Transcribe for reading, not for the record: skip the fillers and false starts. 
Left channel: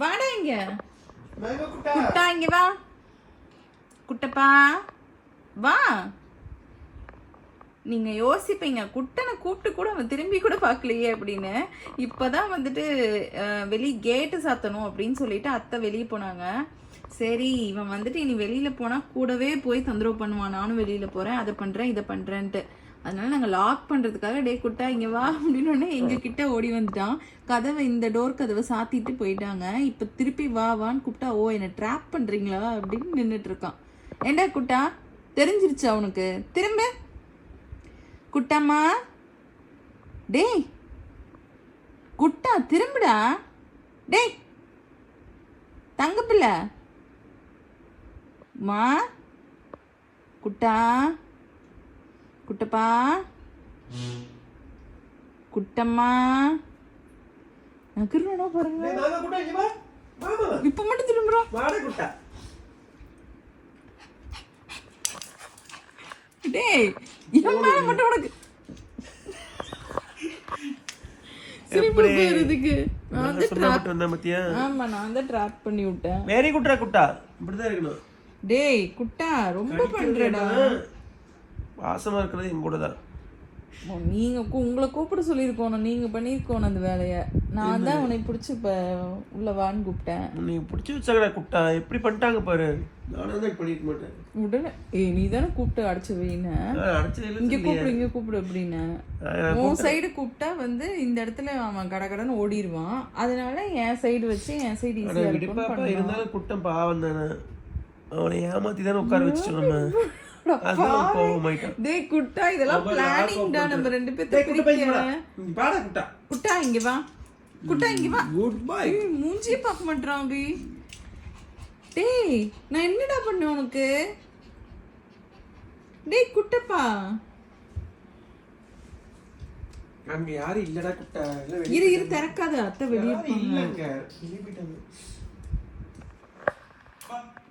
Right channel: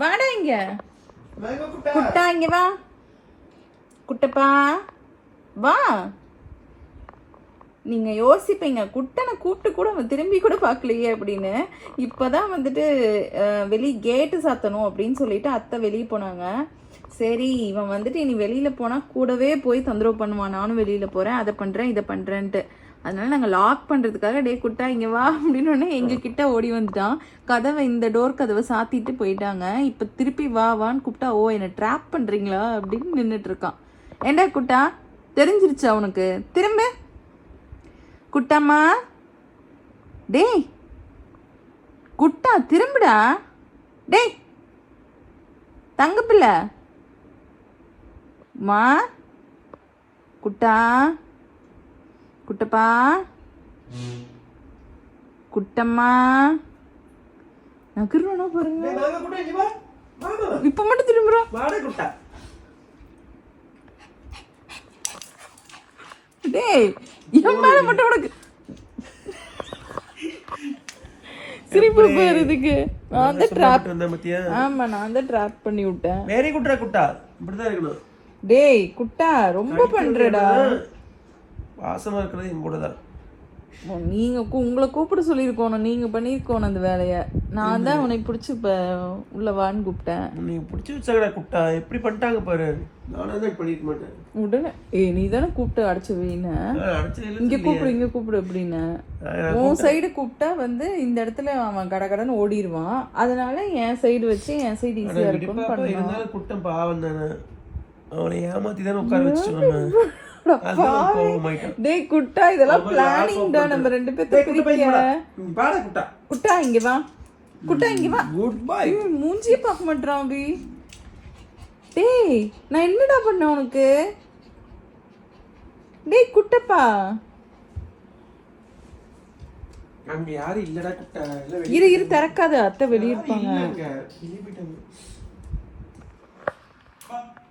வாடா இங்க. குட்டா இங்க வா. குட்டப்பா வா. நீங்க யோசிப்பீங்க குட்டனை கூப்பிட்டு கூட அவன் திரும்பி கூட பார்க்கலையே அப்படின்னு. இப்பதான் வந்துட்டு வெளியே கேட்டு சாத்தணும் அப்படின்னு சொல்லிட்டு அத்தை வெளியே போனாங்க. சரி இவன் வந்துட்டு இனி வெளியில போனா கூடவே போய் தொந்தரவு பண்ணுவான், நானும் வெளியில போறேன், அதை பண்றேன் இதை பண்றேன்ட்டு. அதனால நாங்க லாக் பண்றதுக்காக டே குட்டா இங்க வா அப்படின்னு எங்க கிட்ட ஓடி வந்துட்டான். கதவை இந்த டோர் கதவை சாத்திட்டு போயிட்டாங்க. இப்ப திருப்பி வா வான்னு கூப்பிட்டா ஓ என்ன ட்ராப் பண்றீங்களா அப்படின்னு நின்றுட்டு இருக்கான். ஏண்டா குட்டா தெரிஞ்சிருச்சு அவனுக்கு? திரும்ப குட்டம்மா டேய் குட்டா திரும்புடா. டேய் தங்க பிள்ளை மா குட்டா குட்டப்பா குட்டம்மா நகர்வனா பாருங்க. இப்ப மட்டும் திரும்புறோம். டேய் என் மேல மட்டும் உனக்கு சிரிப்பு வருதுக்கு. நான் தான் ட்ராப் வந்தேன் மத்தியா. ஆமா நான் தான் ட்ராப் பண்ணி விட்டேன். வெரி குட்ரா குட்டா இப்படி தான் இருக்கணும். டேய் குட்டா ரொம்ப பண்றடா. வாசமா இருக்கிறது என் கூட தான். நீங்க உங்களை கூப்பிட சொல்லியிருக்கணும், நீங்க பண்ணிருக்கணும் அந்த வேலைய. நான் தான் உன்னை பிடிச்சி இப்ப உள்ள வான்னு கூப்பிட்டேன். நீ பிடிச்சி வச்சாங்கடா குட்டா எப்படி பண்ணிட்டாங்க பாரு. நானே தான் பண்ணிக்க மாட்டேன். உடனே நீ தானே கூப்பிட்டு அடைச்சு வைன்னு. இங்க கூப்பிடு இங்க கூப்பிடு அப்படின்னு உன் சைடு கூப்பிட்டா வந்து இந்த இடத்துல அவன் கடகடன்னு ஓடிடுவான். அதனால என் சைடு வச்சு என் சைடு ஈஸியா இருக்கும். இருந்தாலும் குட்டம் பாவம் தானே, அவனை ஏமாத்தி தானே உட்கார வச்சுட்டோம் நம்ம. டேய் குட்டா இதெல்லாம் பிளானிங் தான். நம்ம ரெண்டு பேத்துக்கு பாடா குட்டா குட்டா இங்க வா. குட்டா இங்க வா. Good bye. மூஞ்சியே பார்க்க மாட்டறான் அபி. டேய் நான் என்னடா பண்ண உனக்கு? டேய் குட்டப்பா அங்க யாரும் இல்லடா குட்டா. இரு திறக்காத, அத்தை வெளிய இருப்பாங்க. இல்லங்க வெளிய போய்ட்டாங்க.